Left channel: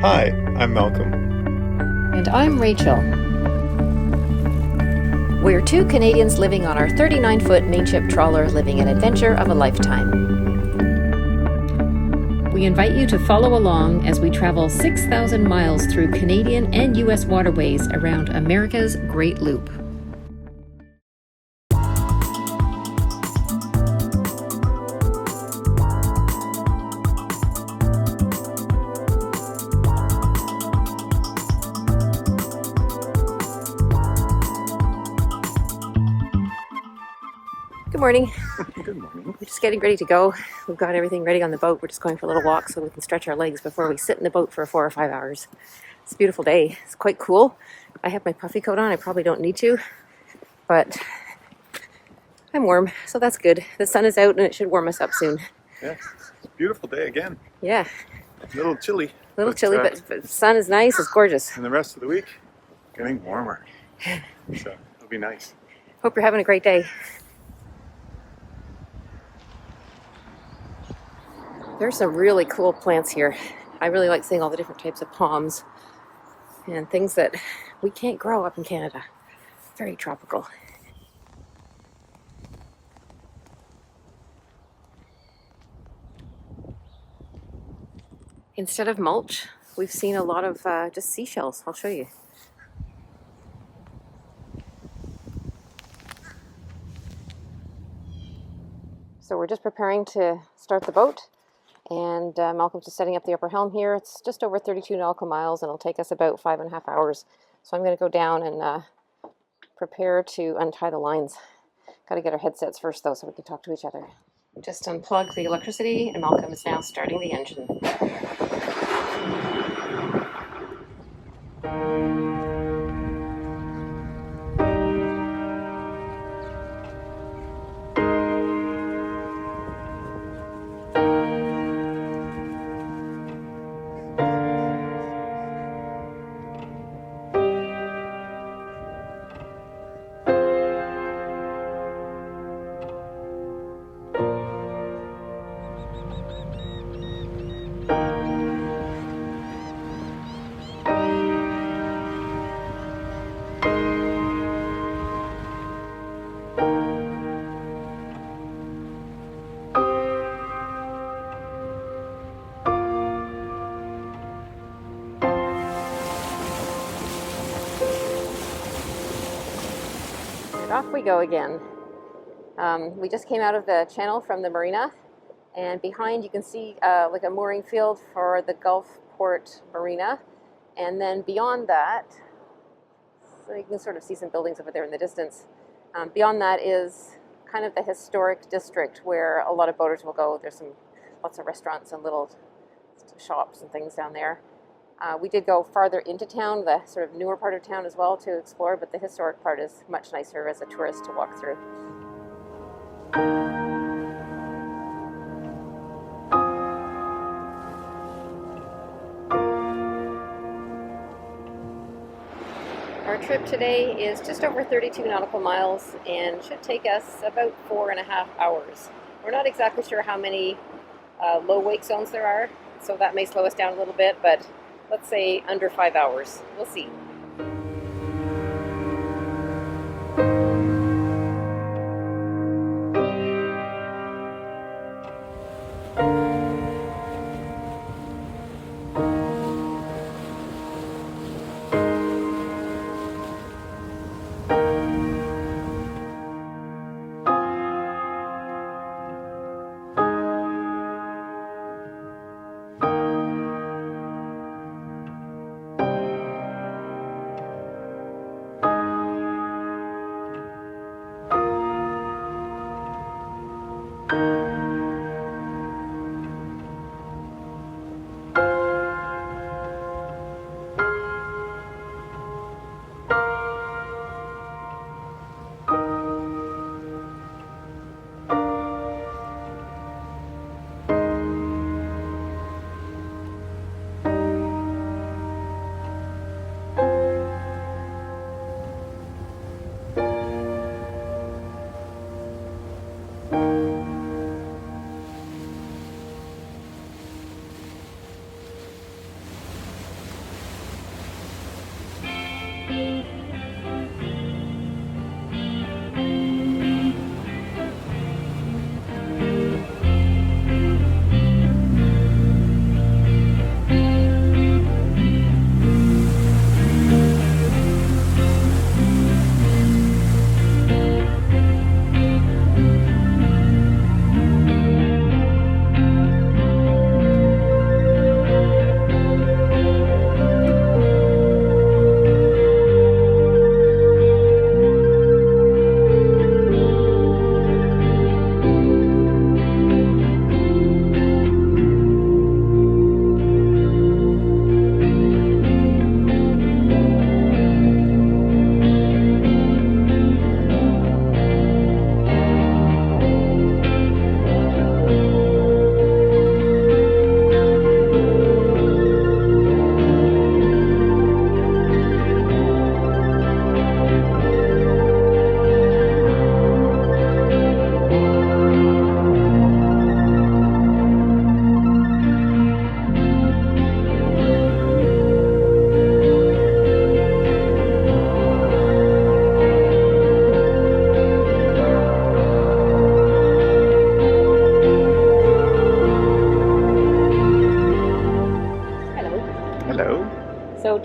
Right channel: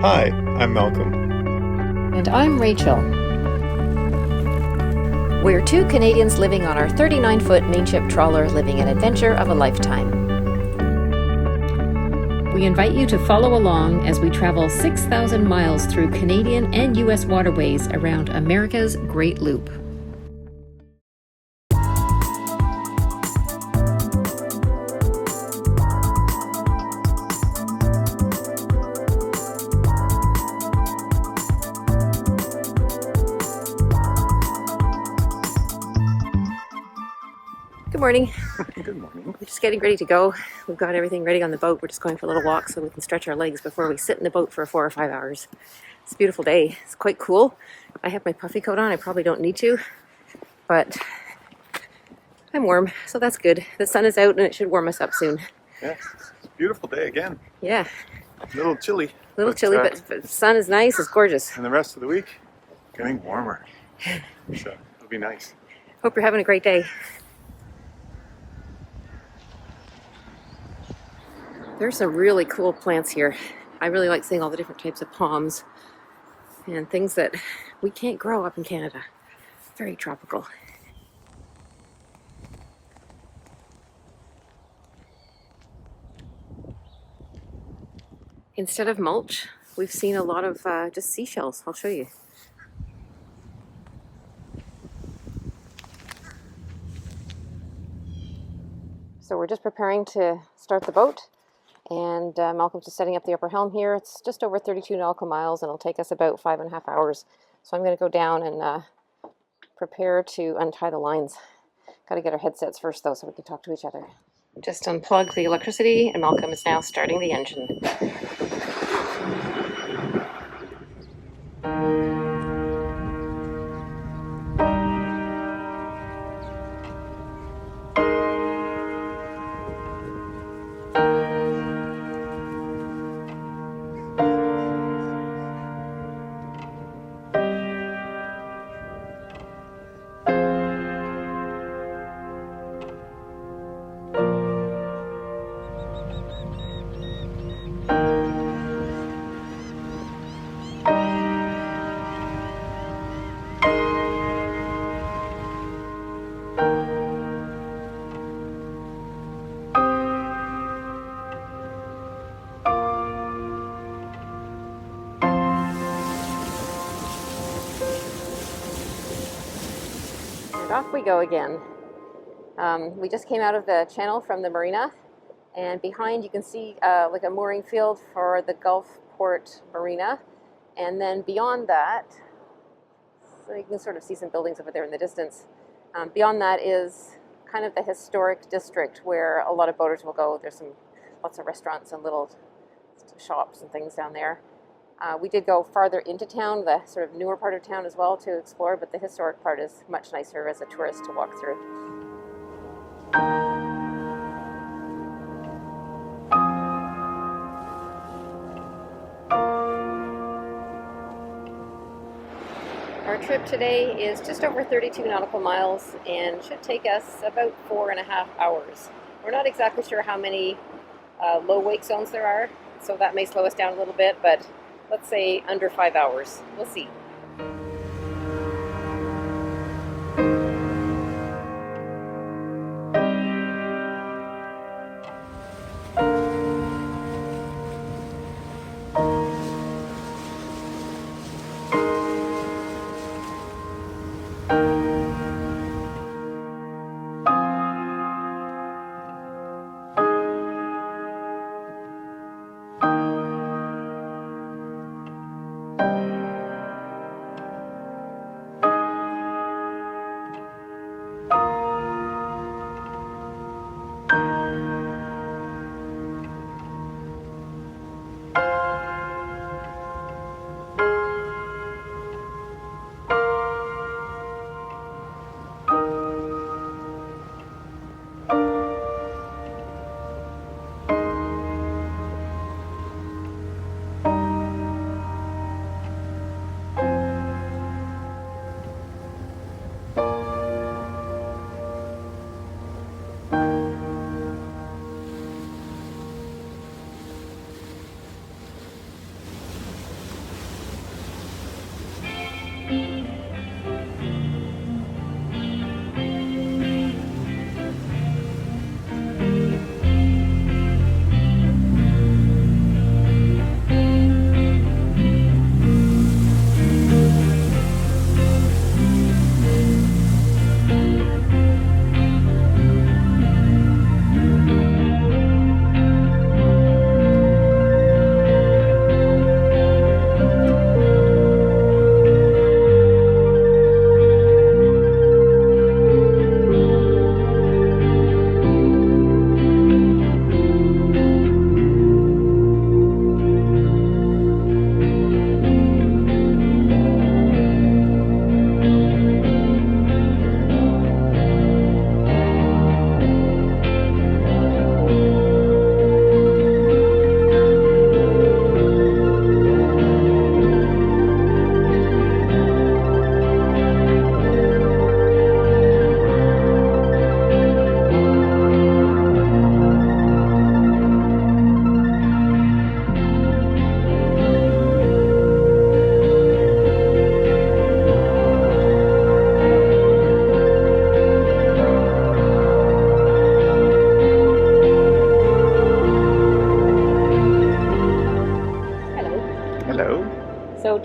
Hi, I'm Malcolm. And I'm Rachel. We're two Canadians living on our 39-foot mainship trawler, living an adventure of a lifetime. We invite you to follow along as we travel 6,000 miles through Canadian and U.S. waterways around America's Great Loop. Good morning. Good morning. We're just getting ready to go. We've got everything ready on the boat. We're just going for a little walk so we can stretch our legs before we sit in the boat for 4 or 5 hours. It's a beautiful day. It's quite cool. I have my puffy coat on. I probably don't need to, but I'm warm, so that's good. The sun is out and it should warm us up soon. Yeah, it's a beautiful day again. Yeah. A little chilly. A little chilly, but the sun is nice. It's gorgeous. And the rest of the week, getting warmer. So it'll be nice. Hope you're having a great day. There's some really cool plants here. I really like seeing all the different types of palms and things that we can't grow up in Canada. Very tropical. Instead of mulch, we've seen a lot of just seashells. I'll show you. So we're just preparing to start the boat, and Malcolm's just setting up the upper helm here. It's just over 32 nautical miles, and it'll take us about 5.5 hours. So I'm going to go down and prepare to untie the lines. Got to get our headsets first, though, so we can talk to each other. Just unplug the electricity, and Malcolm is now starting the engine. And off we go again. We just came out of the channel from the marina, and behind you can see like a mooring field for the Gulfport marina, and then beyond that, so you can sort of see some buildings over there in the distance. Beyond that is kind of the historic district where a lot of boaters will go. There's lots of restaurants and little shops and things down there. We did go farther into town, the sort of newer part of town as well, to explore, but the historic part is much nicer as a tourist to walk through. Our trip today is just over 32 nautical miles and should take us about 4.5 hours. We're not exactly sure how many low wake zones there are, so that may slow us down a little bit, but let's say under 5 hours. We'll see.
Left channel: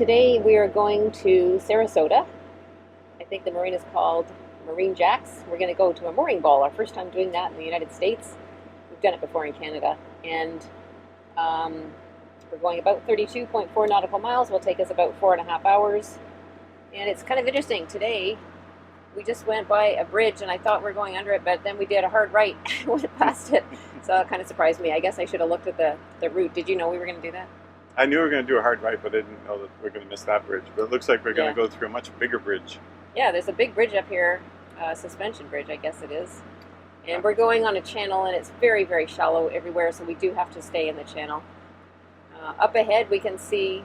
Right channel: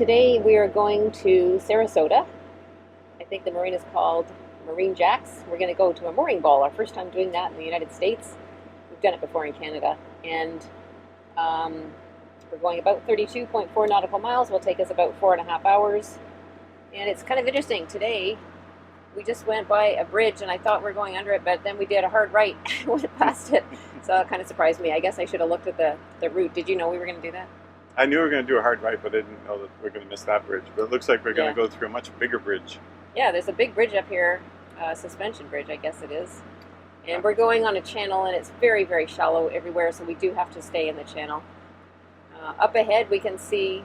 today we are going to Sarasota. I think the marina is called Marine Jacks. We're going to go to a mooring ball, our first time doing that in the United States. We've done it before in Canada. And we're going about 32.4 nautical miles. It will take us about 4.5 hours. And it's kind of interesting. Today, we just went by a bridge and I thought we were going under it, but then we did a hard right and went past it. So it kind of surprised me. I guess I should have looked at the route. Did you know we were going to do that? I knew we were going to do a hard right, but I didn't know that we were going to miss that bridge. But it looks like we're going to go through a much bigger bridge. Yeah, there's a big bridge up here, suspension bridge, I guess it is. And we're going on a channel, and it's very, very shallow everywhere, so we do have to stay in the channel. Up ahead, we can see,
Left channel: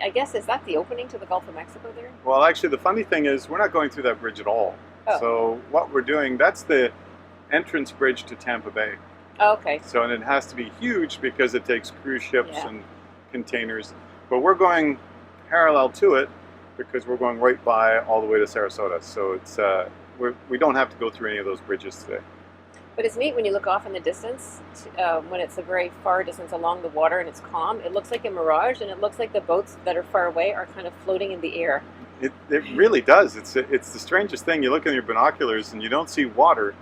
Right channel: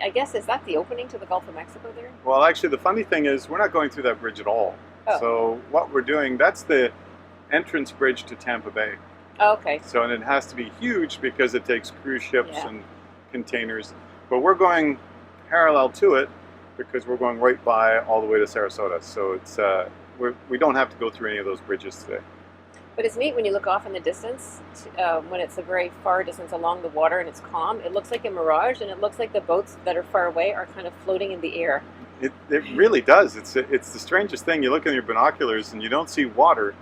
I guess, is that the opening to the Gulf of Mexico there? Well, actually, the funny thing is we're not going through that bridge at all. Oh. So what we're doing, that's the entrance bridge to Tampa Bay. Oh, okay. So, and it has to be huge because it takes cruise ships and containers. But we're going parallel to it because we're going right by all the way to Sarasota. So it's we don't have to go through any of those bridges today. But it's neat when you look off in the distance, when it's a very far distance along the water and it's calm. It looks like a mirage, and it looks like the boats that are far away are kind of floating in the air. It really does. It's the strangest thing. You look in your binoculars and you don't see water.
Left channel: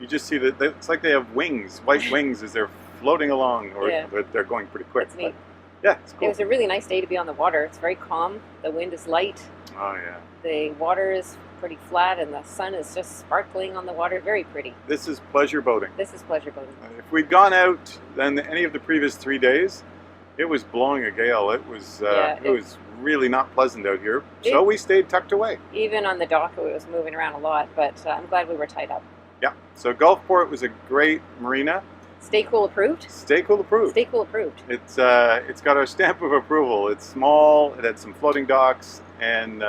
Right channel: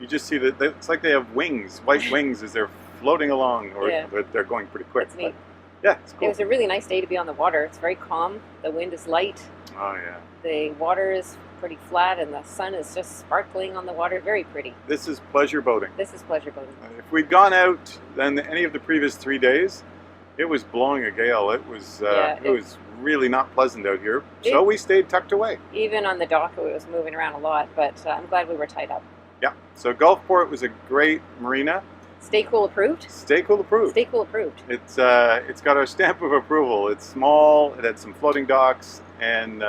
You just see that it's like they have wings, white wings, as they're floating along, or they're going pretty quick. It's neat. Yeah, it's cool. It was a really nice day to be on the water. It's very calm. The wind is light. Oh, yeah. The water is pretty flat, and the sun is just sparkling on the water. Very pretty. This is pleasure boating. This is pleasure boating. If we'd gone out then any of the previous 3 days, it was blowing a gale. It was it was really not pleasant out here. So we stayed tucked away. Even on the dock, it was moving around a lot, but I'm glad we were tied up. Yeah. So Gulfport was a great marina. Stay Cool approved? Stay Cool approved. Stay Cool approved. It's got our stamp of approval. It's small. It had some floating docks, and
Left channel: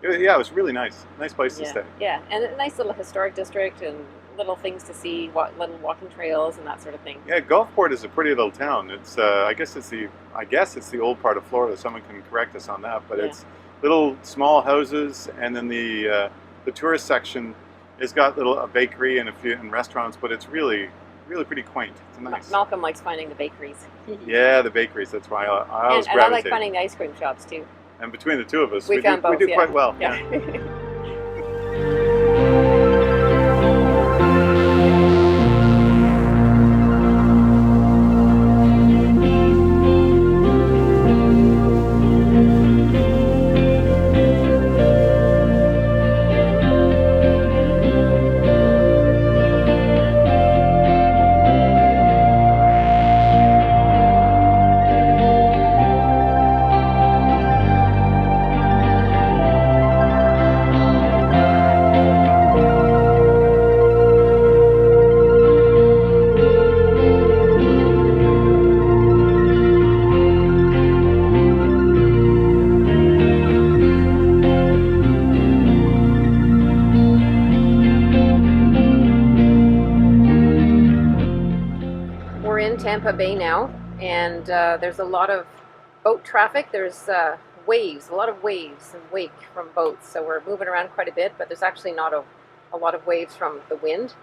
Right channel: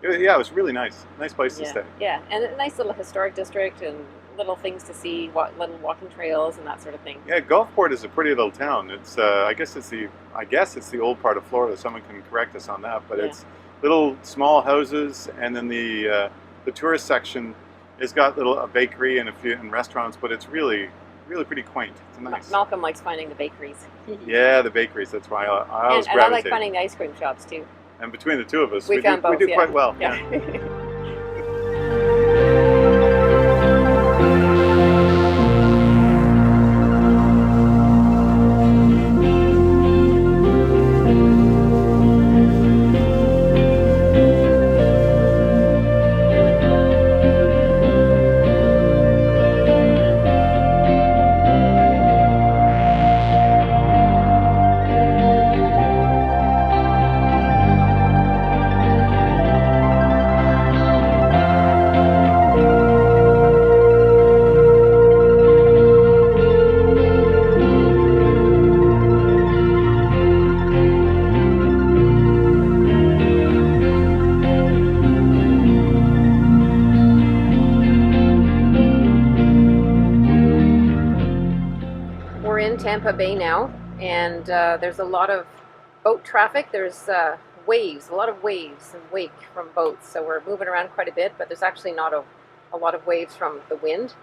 it was really nice. Nice place to stay. Yeah, and a nice little historic district and little things to see, little walking trails and that sort of thing. Yeah, Gulfport is a pretty little town. It's I guess it's the old part of Florida. Someone can correct us on that, but it's little small houses, and then the tourist section has got a bakery and a few restaurants, but it's really pretty quaint. It's nice. Malcolm likes finding the bakeries. Yeah, the bakeries. That's why I always gravitate. And I like finding the ice cream shops too. And between the two of us, we do quite well. Yeah. Tampa Bay now, and there's a lot of boat traffic. There's waves, a lot of waves and wake from boats, so we're moving around quite a bit, but there's actually not a lot of waves from the wind.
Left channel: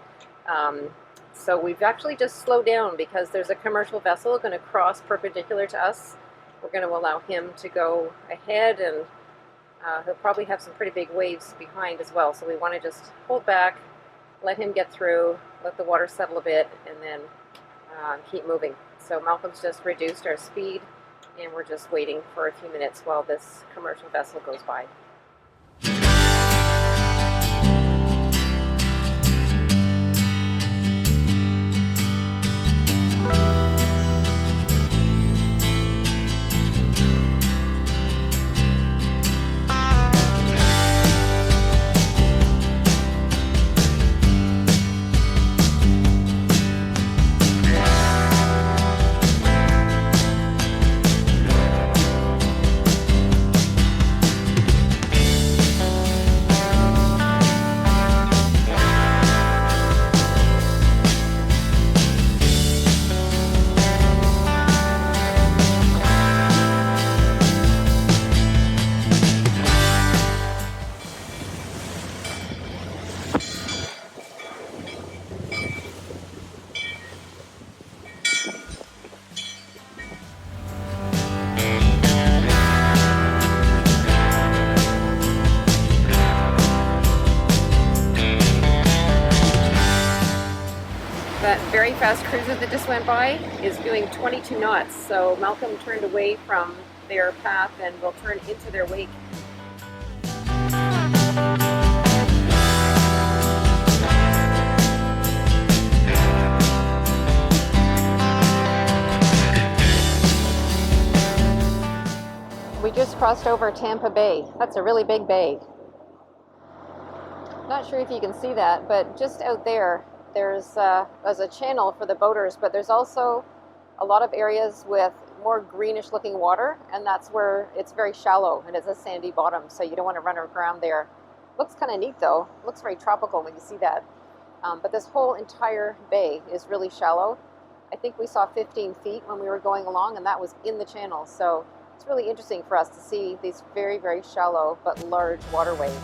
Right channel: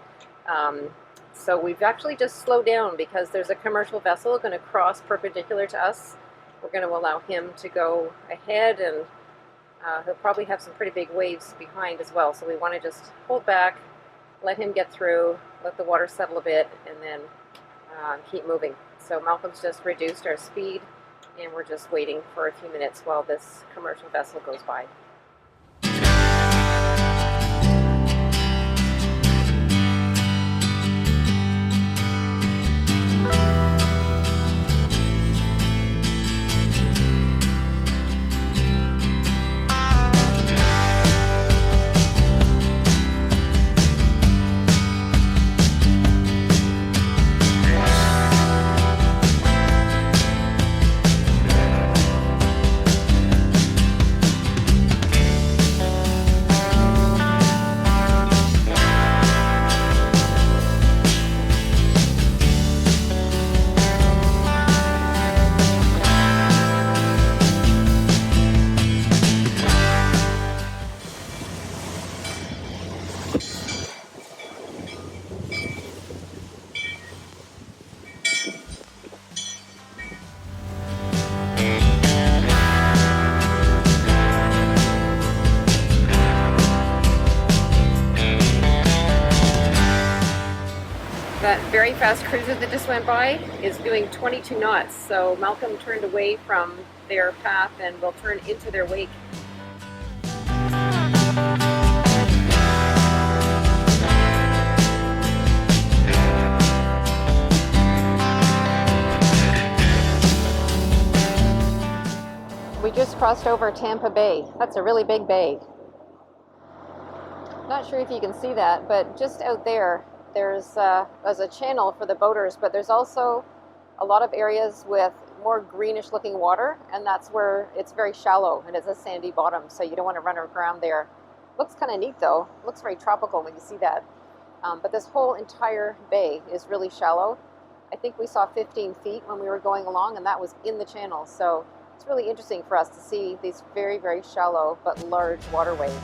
So we've actually just slowed down because there's a commercial vessel going to cross perpendicular to us. We're going to allow him to go ahead, and he'll probably have some pretty big waves behind as well, so we want to just hold back, let him get through, let the water settle a bit, and then keep moving. So Malcolm's just reduced our speed, and we're just waiting for a few minutes while this commercial vessel goes by. That very fast cruiser that just went by is doing 22 knots, so Malcolm turned away from their path and will turn into their wake. We just crossed over Tampa Bay. That's a really big bay. Not sure if you can see that, but just out there, there's a channel for the boaters, but there's also a lot of areas with more greenish looking water, and that's where it's very shallow and it's a sandy bottom, so you don't want to run around there. Looks kind of neat though. Looks very tropical when you see that. But this whole entire bay is really shallow. I think we saw 15 feet when we were going along, and that was in the channel. So it's really interesting for us to see these very, very shallow but large waterways.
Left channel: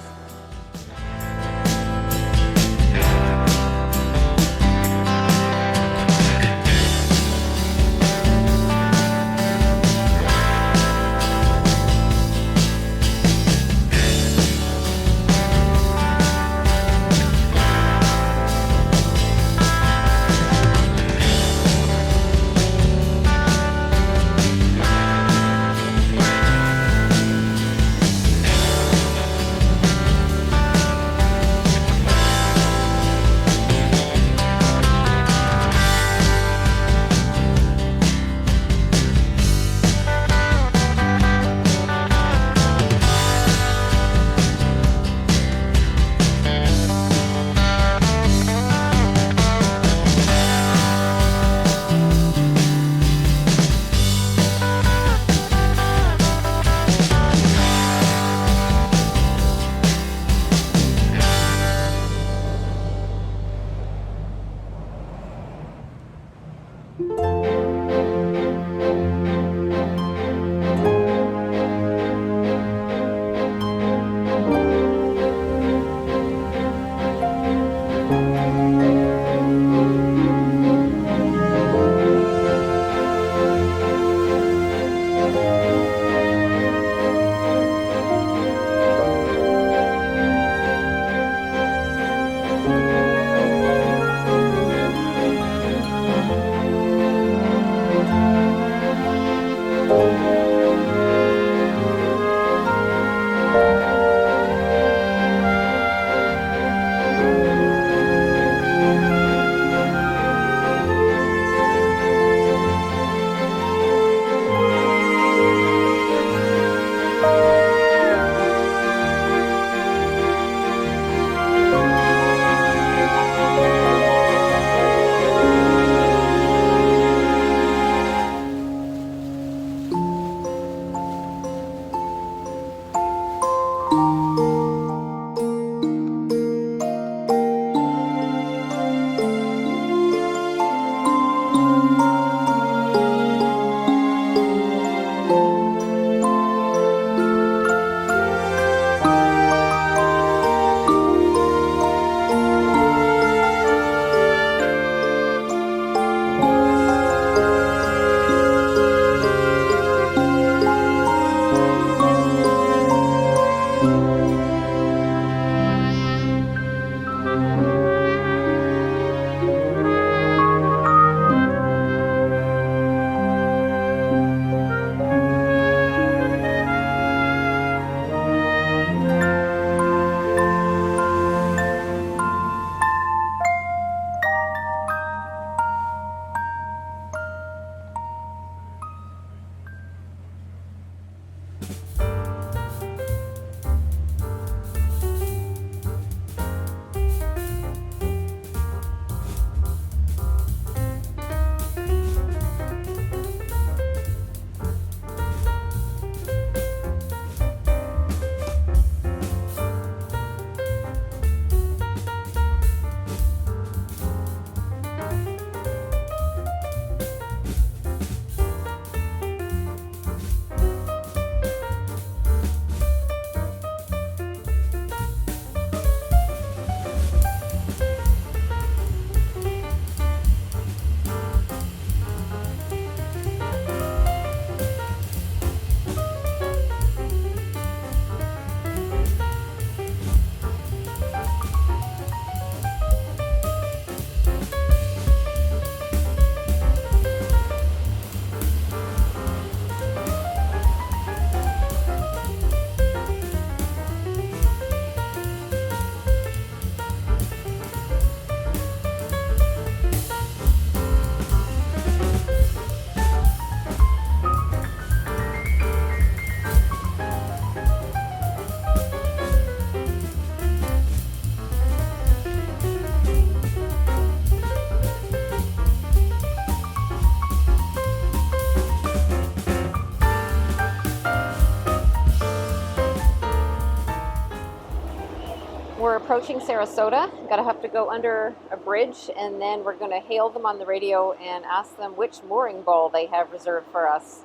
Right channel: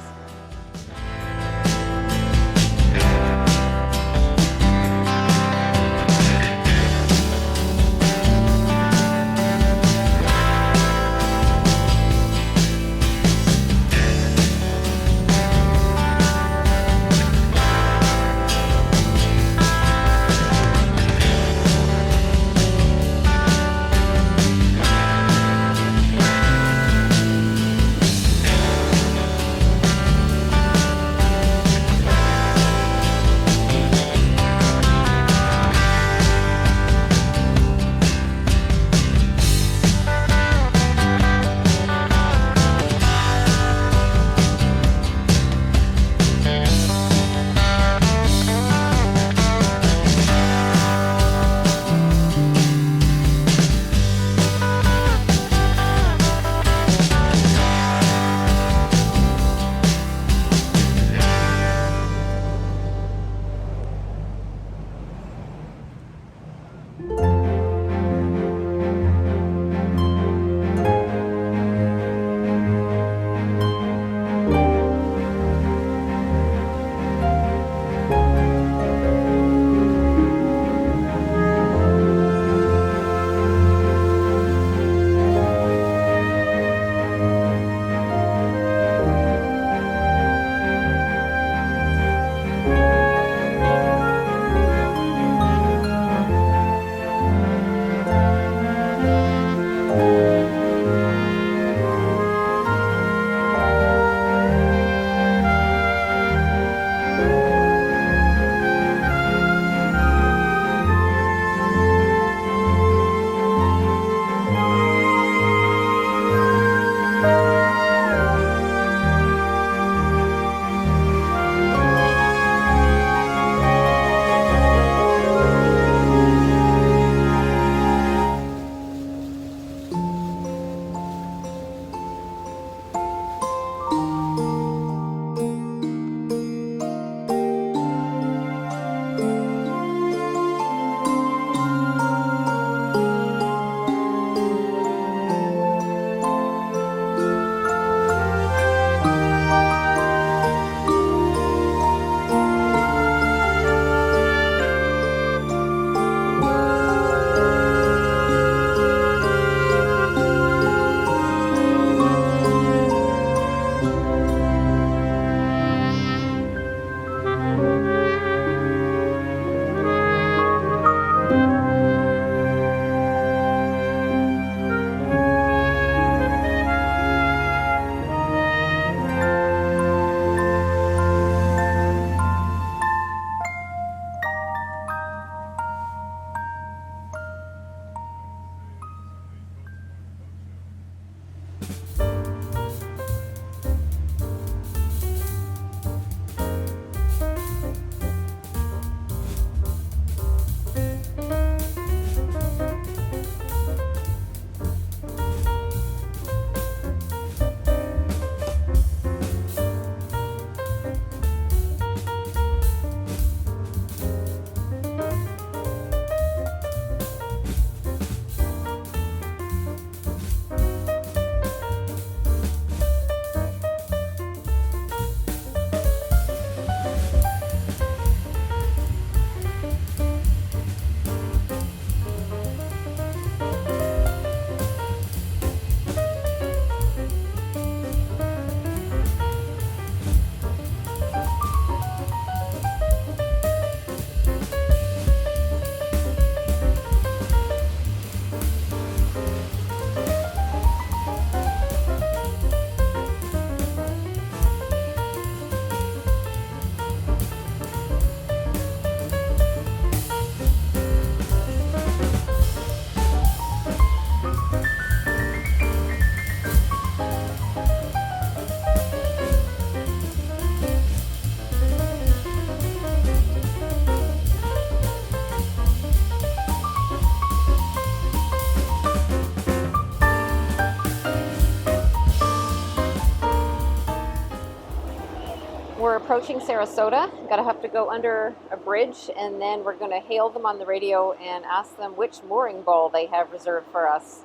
approaching Sarasota. Gotta have to go under a bridge, and then we're gonna hail them on the radio and ask them which mooring ball they have reserved for us.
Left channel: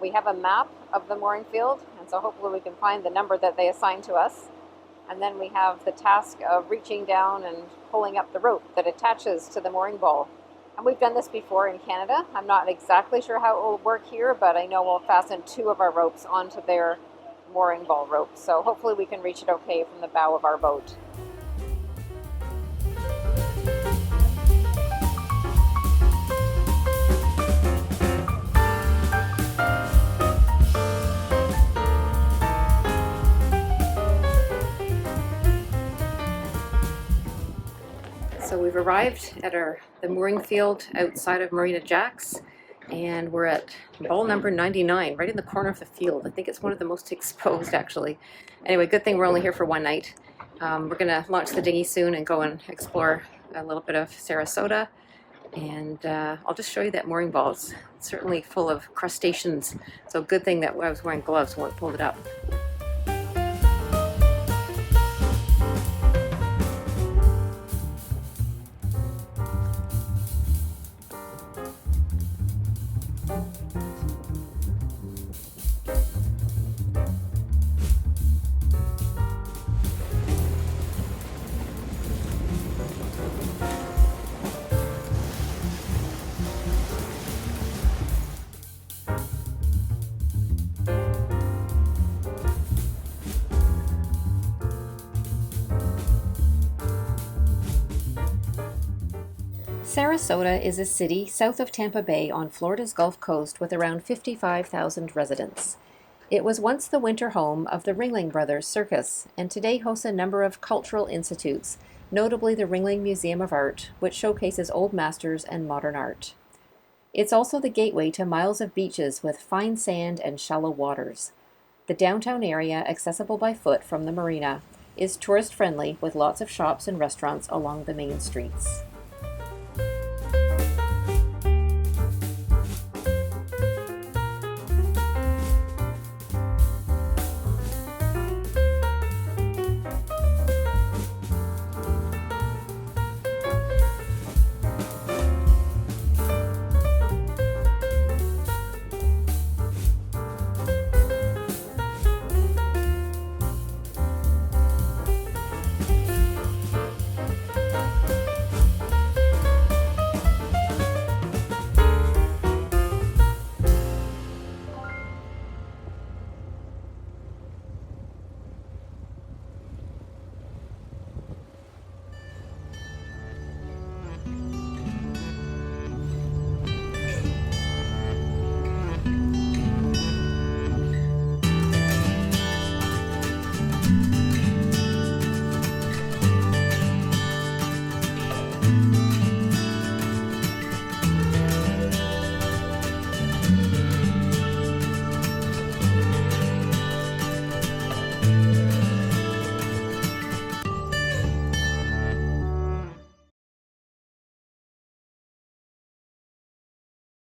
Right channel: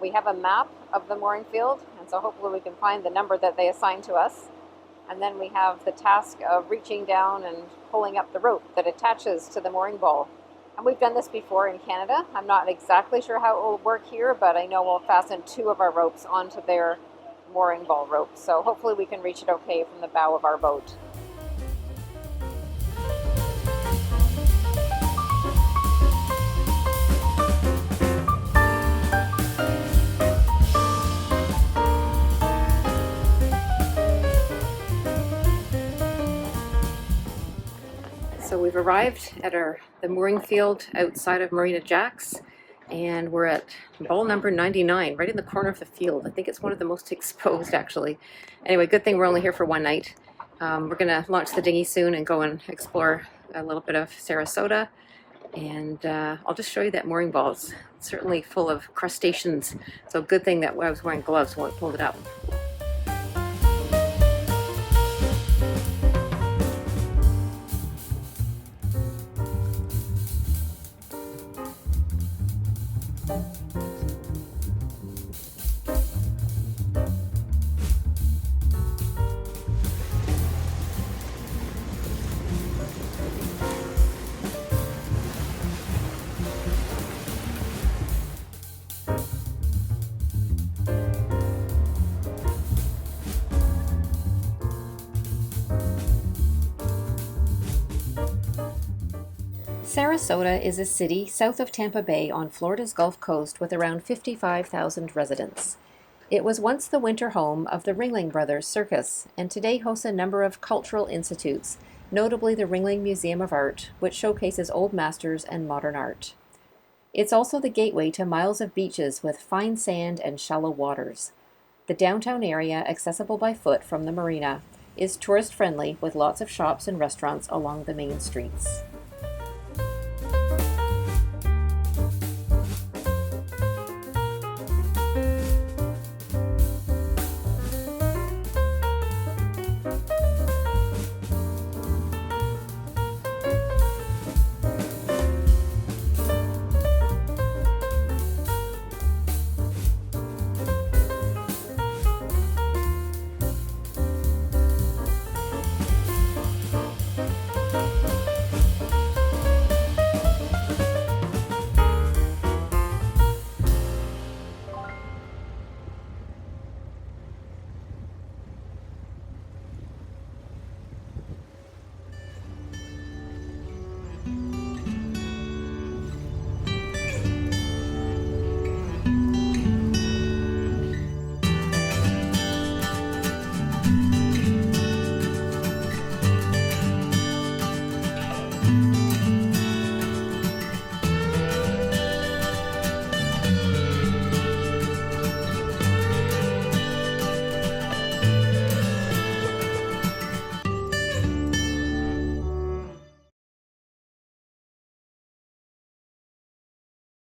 We have a map of the mooring field, and so hopefully we can find the number that they assigned to us. And then we have the task of reaching down and pulling up the rope that attaches to the mooring ball. And we've done this before in Canada. I'm not exactly sure how it will work here, but I know we'll fasten 2 of our ropes onto their mooring ball rope. So hopefully we can reach it okay from the bow of our boat. So we've arrived at the mooring field outside of Marina Jacks, and we're at ball number 99, right in the corner of the field. I think it's one of the most exposed, actually. Anyway, good thing we're only here for one night. We're gonna launch the dinghy soon and go and explore a little bit of Sarasota, and I'll just show you that mooring ball. It's certainly full of crustaceans, so good thing that I was wearing gloves when I pulled it up. Sarasota is a city south of Tampa Bay on Florida's Gulf Coast with around 55,000 residents. It was once the winter home of the Ringling Brothers Circus, and today hosts a number of cultural institutes, notably the Ringling Museum of Art, which showcases old masters and modern art. It's also the gateway to miles of beaches with fine sand and shallow waters. The downtown area, accessible by foot from the marina, is tourist-friendly with lots of shops and restaurants along the main streets.